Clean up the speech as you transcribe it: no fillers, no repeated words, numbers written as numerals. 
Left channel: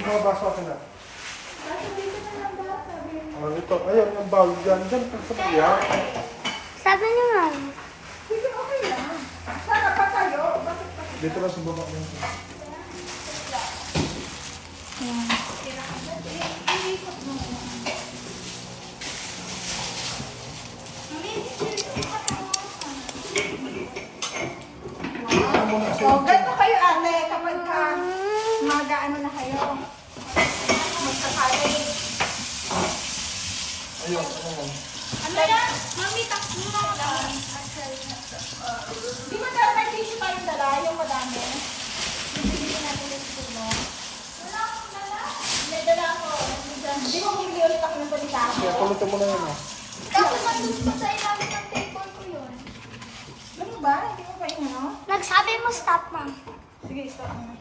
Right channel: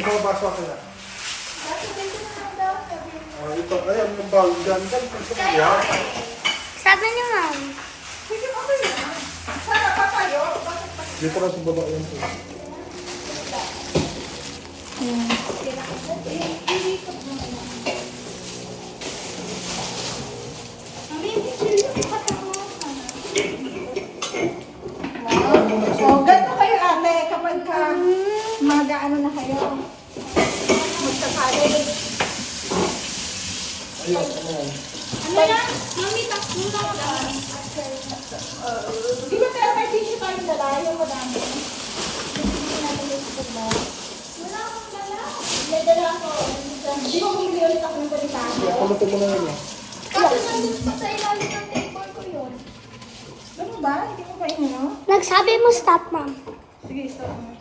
Yung mga baso akin na. Dapat dito na lang daw, sabi mo. Ito, ayun, ang bawal dyan. Dyan, sa kaya. Sabi niyo, ma'am. Sige, okay lang. Sana pa kayo. Bakit pa? Dito na sa baba yan. Iikot mo na lang. Mami, yung kasama ka. Wow. Oh, ganito kayo ate kapag mag-ano na kayo. Magkakalit. Ayun, ano yan. Ano na? Mami, takbo na ka. Di ba tayo may tissue tayong dala? Yung madami. Bibili natin yung tissue mo. Wala akong dala. May dala ako. Di ba bumili ulit ako ng balita? Kaya pulutin mo na yun. Kaso nandun pa sa ilalim ng table ko yun. Ano ba? Hindi mo pa inano? Nagsabi mo stop, ma'am. Sige, stop mo.